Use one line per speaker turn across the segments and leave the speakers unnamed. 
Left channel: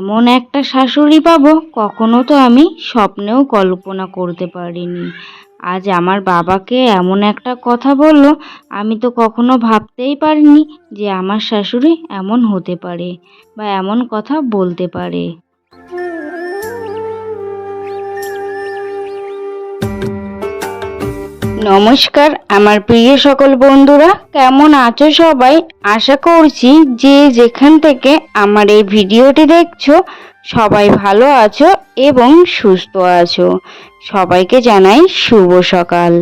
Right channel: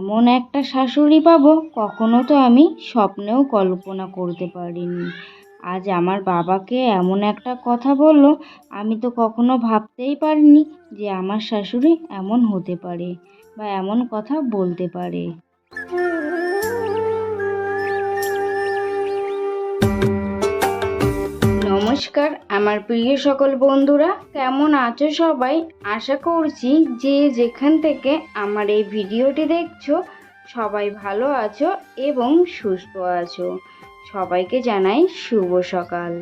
এমন একটা শাশুড়ি পাব, কখনো তো আমি স্বপ্নেও কল্পনা করতে পারিনি। আজ আমার বাবাকে এমন একটা কথা বলল, আমি তো কখনো ভাবতেই পারিনি যে আমার শাশুড়ি এমন হতে পারে বা এমন কথা বলতে পারে। নমস্কার, আমার প্রিয় সকল বন্ধুরা, কেমন আছো সবাই? আশা করছি যে যেখান থেকে আমার এই ভিডিওটি দেখছ, সবাই ভালো আছো এবং সুস্থ আছো। সবাইকে জানাই শুভ সকাল।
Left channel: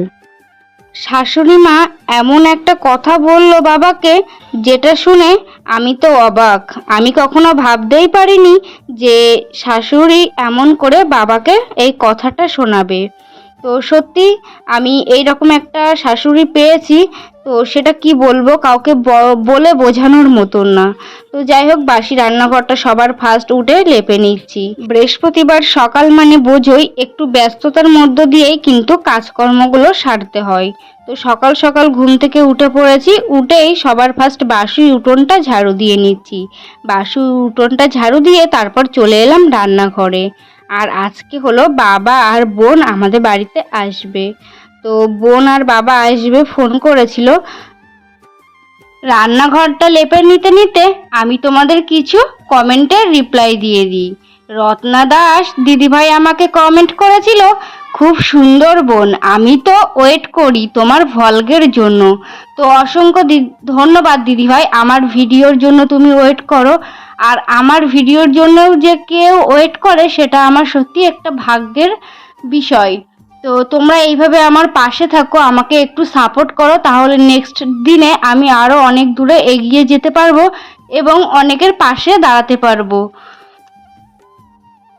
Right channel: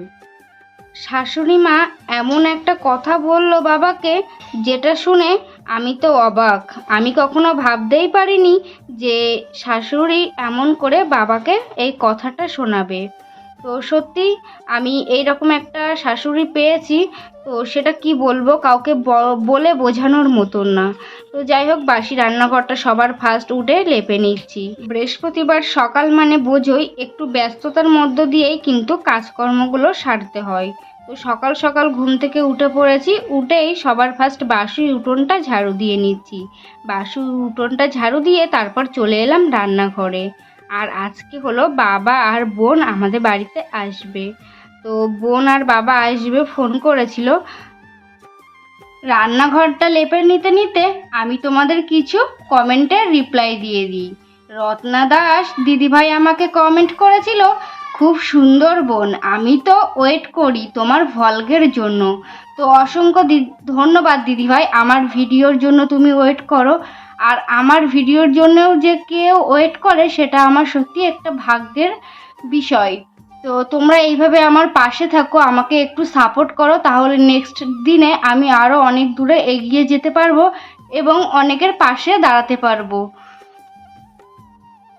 শাশুড়ি মা এমন একটা কথা বলল বাবাকে, যেটা শুনে আমি তো অবাক। আমি কখনো ভাবতেই পারিনি যে শাশুড়ি এমন করে বাবাকে এই কথাটা শোনাবে। তো সত্যি আমি এই রকম একটা শাশুড়ি পেয়েছি, তো সেটা কি বলব কাউকে বলে বোঝানোর মতন না। তো যাই হোক, বাসি রান্নাঘরটা সবার ফার্স্ট উঠে লেপে নিচ্ছি। বৃহস্পতিবার সকাল মানে বোঝোই একটু ব্যস্ততার মধ্য দিয়েই কিন্তু কাজকর্মগুলো সারতে হয়। তো সকাল সকাল ঘুম থেকে উঠে পড়েছি, উঠেই সবার ফার্স্ট বাসি উঠোনটা ঝাড়ু দিয়ে নিচ্ছি। বাসি উঠোনটা ঝাড়ু দিয়ে তারপর চলে এলাম রান্নাঘরে। আর আজকে হলো বাবা আর বোন আমাদের বাড়িতে আসবে। তো বোন আর বাবা আসবে ফোন করেছিল, রান্নাঘরটা লেপে নিতে নিতে আমি তোমাদের কিছু কমেন্টের রিপ্লাই দিয়ে দিই। রত্না দাস দিদিভাই আমাকে কমেন্ট করেছিল, খুব সুন্দর বোন, আমি তো ওয়েট করি তোমার ভলগের জন্য। তো অসংখ্য ধন্যবাদ দিদিভাই, আমার ভিডিওর জন্য তুমি ওয়েট করো। আর আমার ভিডিওর জন্যও যে কেউ ওয়েট করে, সেটা আমার সত্যি একটা ভাগ্যের বিষয়। তো তোমরা এইভাবে আমার পাশে থাকো, আমাকে একটু সাপোর্ট করো, তাহলে নেক্সট দিনে আমি আরও অনেক দূরে এগিয়ে যেতে পারব এবং অনেকের পাশে দাঁড়াতে পারব।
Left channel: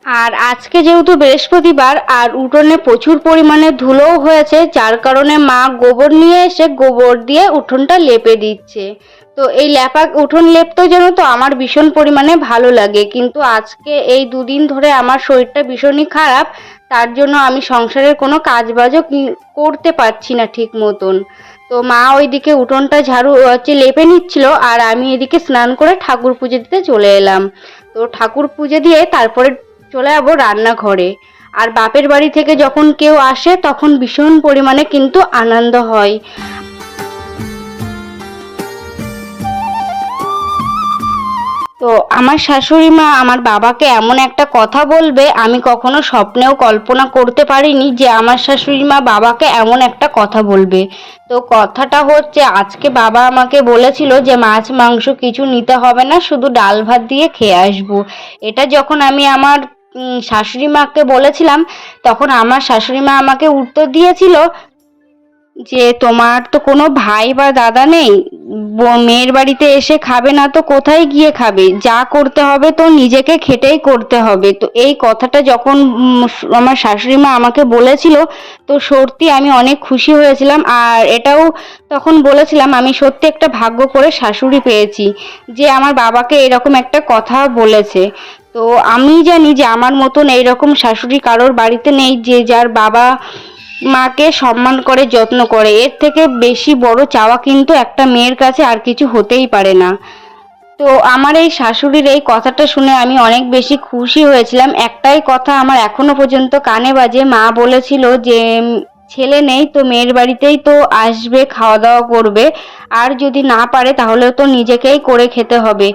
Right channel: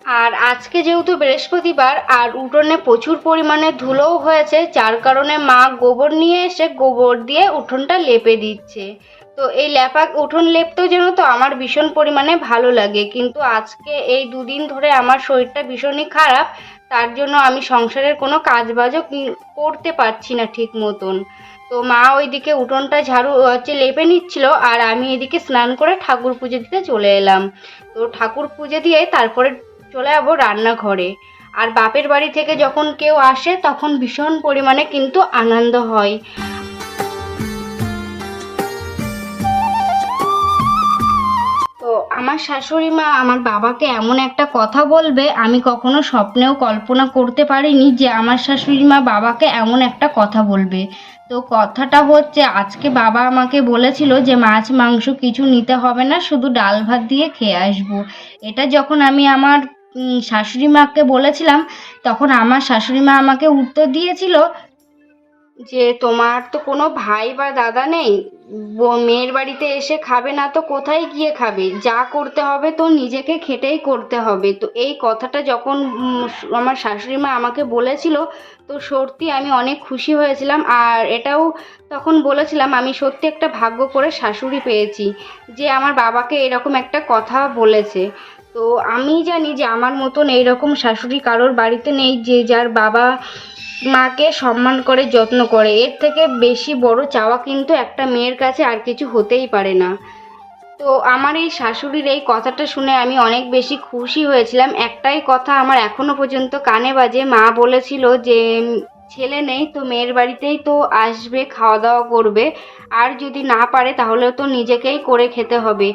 আর আজকে যেহেতু বৃহস্পতিবার, আর উঠোনে প্রচুর পরিমাণে ধুলোও হয়েছে, যার কারণে মা গোবর নিয়ে এসে গোবর দিয়ে উঠোনটা লেপে দিচ্ছে। তো এই লেপা উঠোন লেপতেও যেন তো আমার ভীষণ পরিমাণে ভালো লাগে। কিন্তু আজকে এই দুদিন ধরে আমার শরীরটা ভীষণই খারাপ, তার জন্য আমি সংসারের কোনো কাজবাজও কি- করতে পারছি না ঠিক মতন। তো মা ওইদিকে উঠোনটা ঝাড়ু হচ্ছে লেপে নিচ্ছিল আর আমি এদিকে স্নান করে ঠাকুর পুজো দিতে চলে এলাম। তো ঠাকুর পুজো দিয়ে তারপরে চলে যাব রান্নাঘরে। আর বাপের বাড়ি থেকে যখন কেউ আসে তখন ভীষণ পরিমাণে কিন্তু আনন্দ হয়। তো আমার শাশুড়ি মা আমার বাবাকে এমন একটা কথা বলবে, আমি কখনো স্বপ্নেও কল্পনা করতে পারিনি যে আমার শাশুড়ি মা বাবাকে এমন একটা কথা বলবে। তো কথাটা হচ্ছে, আজকে বাবা আমাকে বলেছিল যে মাছ, মাংস কিছু নিতে হবে না, শুধু ডাল ভাত দিয়ে খেয়ে আসব। এটা যখন আমি আমার শাশুড়ি মাকে বলেছিলাম, তখন আমার শাশুড়ি মা আমাকে উত্তর দিয়েছিল যে তোমার তো কোনো ভাই বা দাদা নেই মেয়ের বাড়িতে এসে খাবে না তো কোথায় গিয়ে খাবে? যা করতে হবে তো নিজেকে খেটেই করতে হবে। তো এই কথাটা যখন আমার শাশুড়ি মা আমাকে বলেছিল, তো সত্যি আমি অনেক খুশি হয়েছিলাম। আর এটাও তখন বলেছিলাম, আমি সত্যি একটা ভাগ্য করে শাশুড়ি পেয়েছি যে আমার বাবাকে এরকম একটা কথা বলেছে। তো আমি জানি যে আমার মতন এইরকম শাশুড়ি কারোর বাড়িতে নেই যে যার বাবা মাকে সম্মান করে, যত্ন করে। এর থেকে বেশি বড় চাওয়া কিন্তু একটা মেয়ের কাছে আর কিছু হতেই পারে না। তো আমার এই শাশুড়ির এই কথাটা শুনে আমি অনেক বেশি খুশি হয়েছিলাম। একটাই কথা আমার এখনও পর্যন্ত কানে বাজে। মা বলেছিল যে ছেলে নেই তো মেয়ের বাড়িতেই তো আসবে, খাওয়া দাওয়া করবে। আর যদি না পারে তাহলে তো নিজেকেই করে খেতে হবে।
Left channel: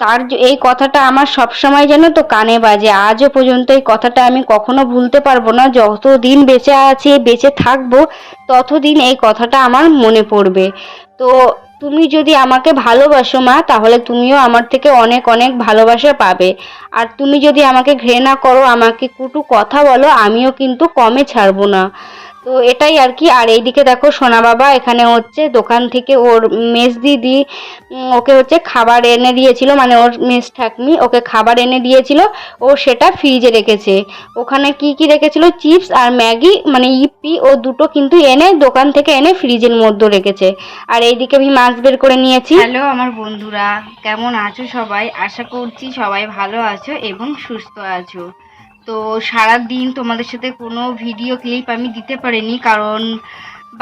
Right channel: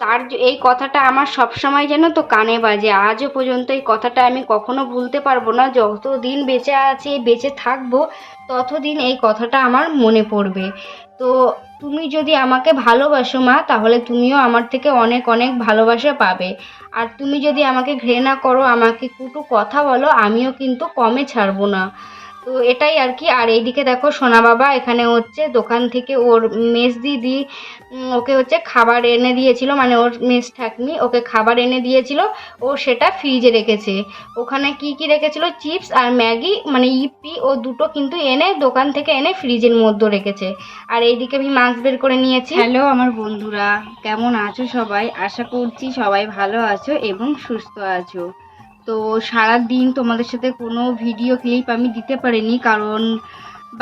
তার এই কথাটা আমার সব সময় যেন তো কানে বাজে। আজও পর্যন্ত এই কথাটা আমি কখনো ভুলতে পারব না। যতদিন বেঁচে আছি, বেঁচে থাকব, ততদিন এই কথাটা আমার মনে পড়বে। তো তুমি যদি আমাকে ভালোবাসো মা, তাহলে তুমিও আমার থেকে অনেক অনেক ভালোবাসা পাবে। আর তুমি যদি আমাকে ঘৃণা করো, আমাকে কুটু কথা বলো, আমিও কিন্তু কমে ছাড়বো না। তো এটাই আর কি। আর এইদিকে দেখো সোনা বাবা এখানে হচ্ছে দোকান থেকে ওর মেস দিদি ওকে হচ্ছে খাবার এনে দিয়েছিল। মানে ওর মেস ঠাকমি ওকে খাবার এনে দিয়েছিল। ও সেটা ফ্রিজে রেখেছে। ওখানে কি কি রেখেছিল? চিপস আর ম্যাগি মানে ইপি, ও দুটো কিন্তু এনে দোকান থেকে এনে ফ্রিজের মধ্যে রেখেছে। আর এইদিকে আমি মাছ বের করে নিয়েছি। হ্যালো আমার বন্ধুরা, কেমন আছো সবাই? আশা করছি সবাই ভালো আছো এবং সুস্থ আছো। তো সারা দিন তোমাদের সাথে কোনো ভিডিও ক্লিপ আমি দিতে পারিনি, কারণ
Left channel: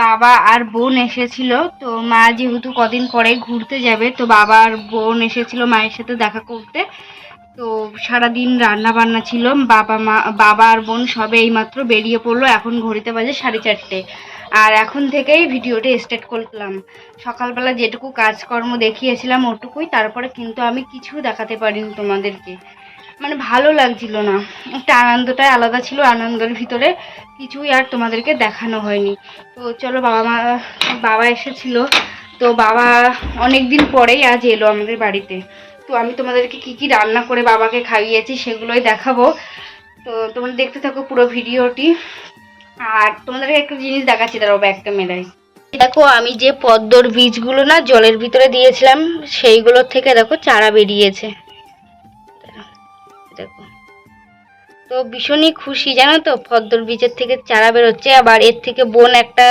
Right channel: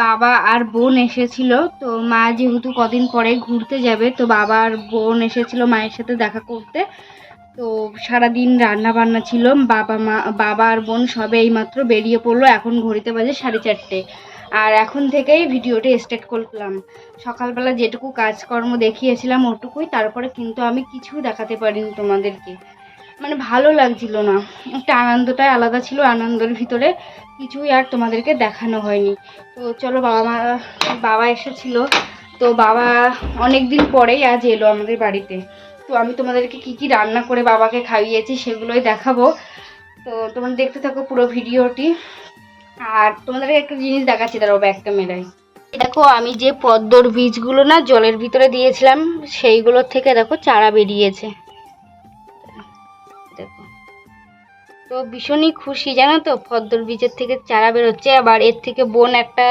বাবা আর বোন এসেছিল। তো মা যেহেতু কদিন পরে ঘুরতে যাবে, তো বাবা আর বোন এসেছিল মায়ের সাথে দেখা করতে। তো সারাদিন রান্না বান্না ছিল, বাবা মা, বাবা আর বোন সবে এইমাত্র বেরিয়ে পড়ল, এখন ঘড়িতে বাজে সাড়ে চারটে। আর এখন থেকেই ভিডিওটা স্টার্ট করলাম। সকালবেলা যেটুকু কাজকর্ম দেখিয়েছিলাম ওটুকুই, তারপরে কিন্তু আমি কিছু দেখাতে পারিনি তোমাদেরকে। মানে ভালো লাগছিল না। একটা আনন্দটাই আলাদা ছিল, আনন্দের ভিতরে কিছুই আর তোমাদেরকে দেখানো হয়নি। তো চলো বাবা মা, বাবা এসেছিল। তো বাবা অনেক দিন পরেই আজ এলো আমাদের বাড়িতে। তো আমি তোমাদেরকে কি কি রান্না করে বাবাকে খাইয়েছি সেগুলোই দেখাবো। তো তোমরা দেখতে থাকো পুরো ভিডিওটি। আর তোমাদেরকে একটা জিনিস দেখাচ্ছি দাঁড়াবো একটা মেলায় দেখো, আমি যে পদ্মর বীজগুলো না জলের ভিতরে দিয়েছিলাম, সেইগুলোর থেকে দেখো চারা বেরিয়েছে। দেখো। তো ভীষণই খুশি, জানো তো? পদ্মর বীজের থেকে চারা বেরোচ্ছে, আবার এর থেকে বোন একটা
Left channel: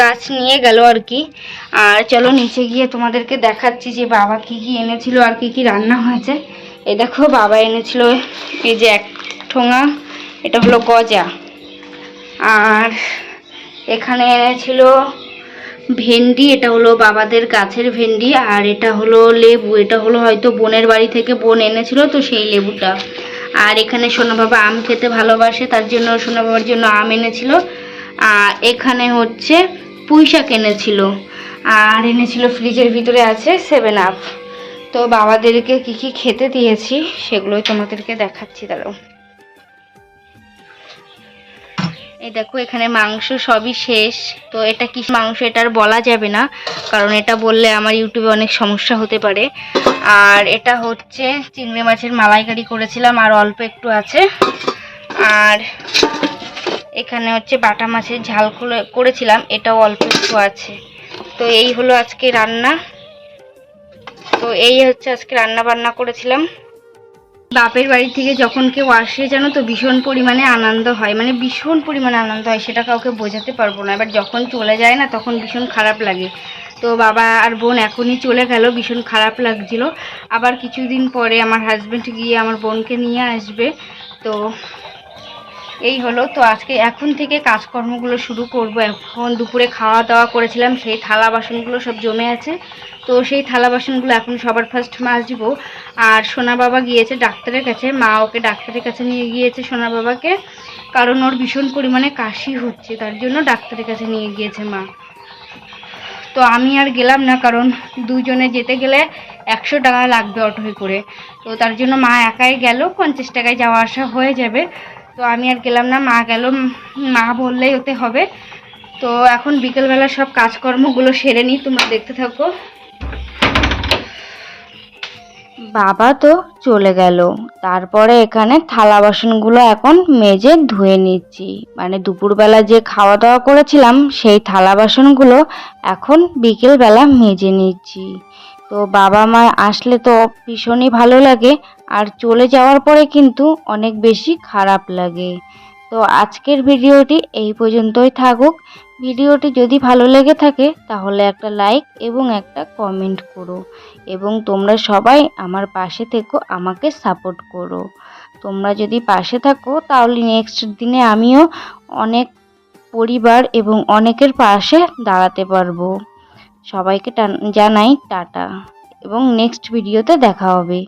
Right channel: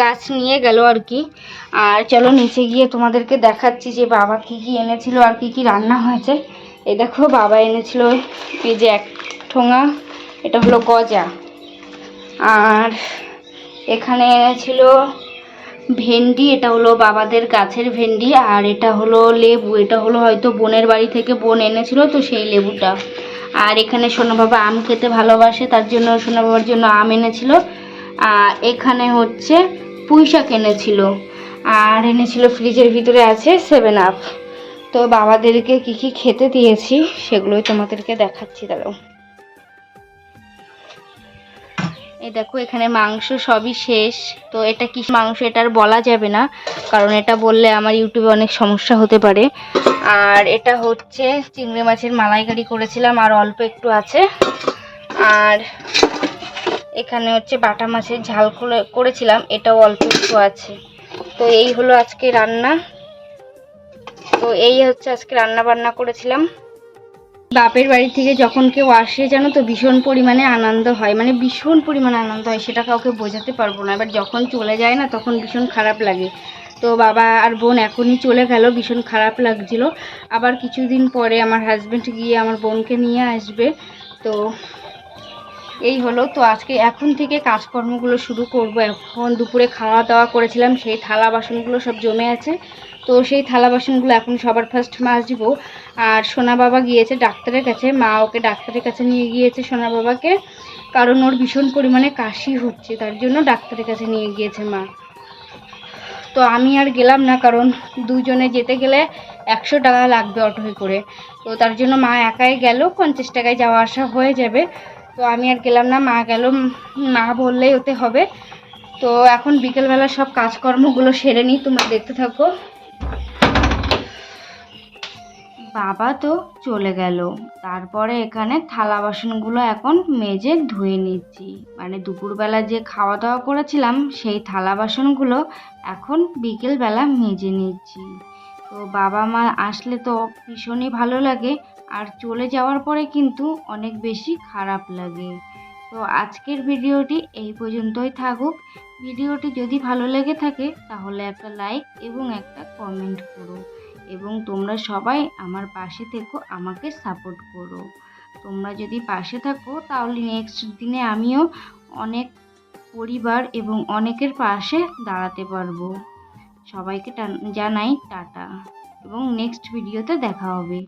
গাছ নিয়ে গেল আর কি। আর চলো নিচে গিয়ে তোমাদেরকে দেখাচ্ছি যে বাবা কি কি এনেছিল আর কি কি রান্না হয়েছে। এই দেখো, বাবা এনেছিল এই যে এক ঠোঙা, এটা হলো গজা। আর এখানে এনেছিল ভেন্ডি, এটা হলো বাবাদের গাছের ভেন্ডি আর এটা হলো লেবু। এটা হলো হয়তো বোনের বাড়ি থেকে বোন এনেছিল তো সেই লেবুটা। আর এখানে সোনা বাবা আম খেতে ভালোবাসে, তার জন্য সোনা বাবার জন্য আম এনেছিল। আর এখানে হচ্ছে পুঁই শাক এনেছিল। আর এনেছিল ফ্রিজের ভিতরে আছে সেভেন আপ তো বাবাদেরকে কি কি খেতে দিয়েছি সেগুলোই তোমাদেরকে দেখাচ্ছি দাঁড়াও এই দেখো, এখানে মাংস সবই শেষ। তো এটা কি মাংস, এটা আর বলা যাবে না, কারণ এটা বললে আমার ইউটিউবে অনেক সমস্যা হতে পারে। আর এটা হচ্ছে চিংড়ি মাছের মালাইকারি করেছিলাম, আর অল্প একটু আছে। আর এখানে হচ্ছে বাটা মাছের ঝাল করে- করেছিলাম, এটাও অল্প একটু আছে। তো এই হলো আজকে রান্না। তো এই হচ্ছে আজকে রান্না বান্না করেছিলাম। বাপের বাড়ি থেকে যখন কেউ আসে, জানো তো, ভীষণ পরিমাণে আনন্দ হয়। মানে ভীষণ পরিমাণে আনন্দ হয়, সেটা কাউকে বোঝাতে পারব না। এবার যখন চলে যায় না, তখন ভীষণ খারাপ লাগে। তো বাবা আর বোন এখনই চলে গেল, ভীষণ খারাপ লাগছিল। আবার কিছুদিন পরে আমার হাজব্যান্ড গিয়ে আমার বোনকে নিয়ে আসবে। তো এই হলো, তো আজকে এখন থেকে কাজকর্মগুলো শুরু করব। এখন দুপুরে খাওয়া দাওয়া করেছিলাম, সেই থালা বাসনগুলো সব জমে আছে। তো সেই থালা বাসনগুলো এখন সবার ফার্স্ট মাজব। আর সোনা বাবা গিয়েছে ডাক্তারের কাছে, মা ওকে ডাক্তারের কাছে নিয়ে গিয়েছে সোনা বাবাকে, কারণ ওর ভীষণ পরিমাণে কাশি হচ্ছে, তার জন্য ডাক্তারের কাছে নিয়ে গিয়েছে মা। তো আমি আর গেলাম না, কারণ দুজনে যেতে গেলে একশো টাকা লাগবে অটোয় করে। তো তার জন্য মা একাই গেল, পঞ্চাশ টাকায় যাওয়া আসা হয়ে যাবে। তো আমি আর গেলাম না, মা গেল মা বললেই ওতে হবে। তো এখন বিকেলবেলা সব কাজকর্মগুলো সেরে নিই, তোমরা দেখতে থাকো। বাবা তো চলে গেল। তারপরে এখানে থালা বাসনগুলো এখন মেজে ধুয়ে নিচ্ছি। মানে দুপুরবেলা যে খাওয়া দাওয়া করেছিলাম, সেই থালা বাসনগুলো এখন বিকেলবেলা মেজে নিচ্ছি। তো বাবা মা আসলে তো ভীষণই ভালো লাগে আর চলে যাওয়ার পরে কিন্তু অনেক বেশি খারাপ লাগে। তো আজকের ভিডিওটি এই পর্যন্তই থাকুক। ভিডিওটি যদি ভালো লেগে থাকে তাহলে একটা লাইক এবং একটা কমেন্ট করো এবং তোমরা সবাই আমার পাশে থেকো, আমাকে সাপোর্ট করো। তোমরা যদি পাশে থাকো তাহলে নেক্সট দিনে আমিও অনেক পরিবার এবং অনেকের পাশে দাঁড়াতে পারব। সবাইকে জানাই টাটা। এবং নেক্সট ভিডিওতে দেখা হবে।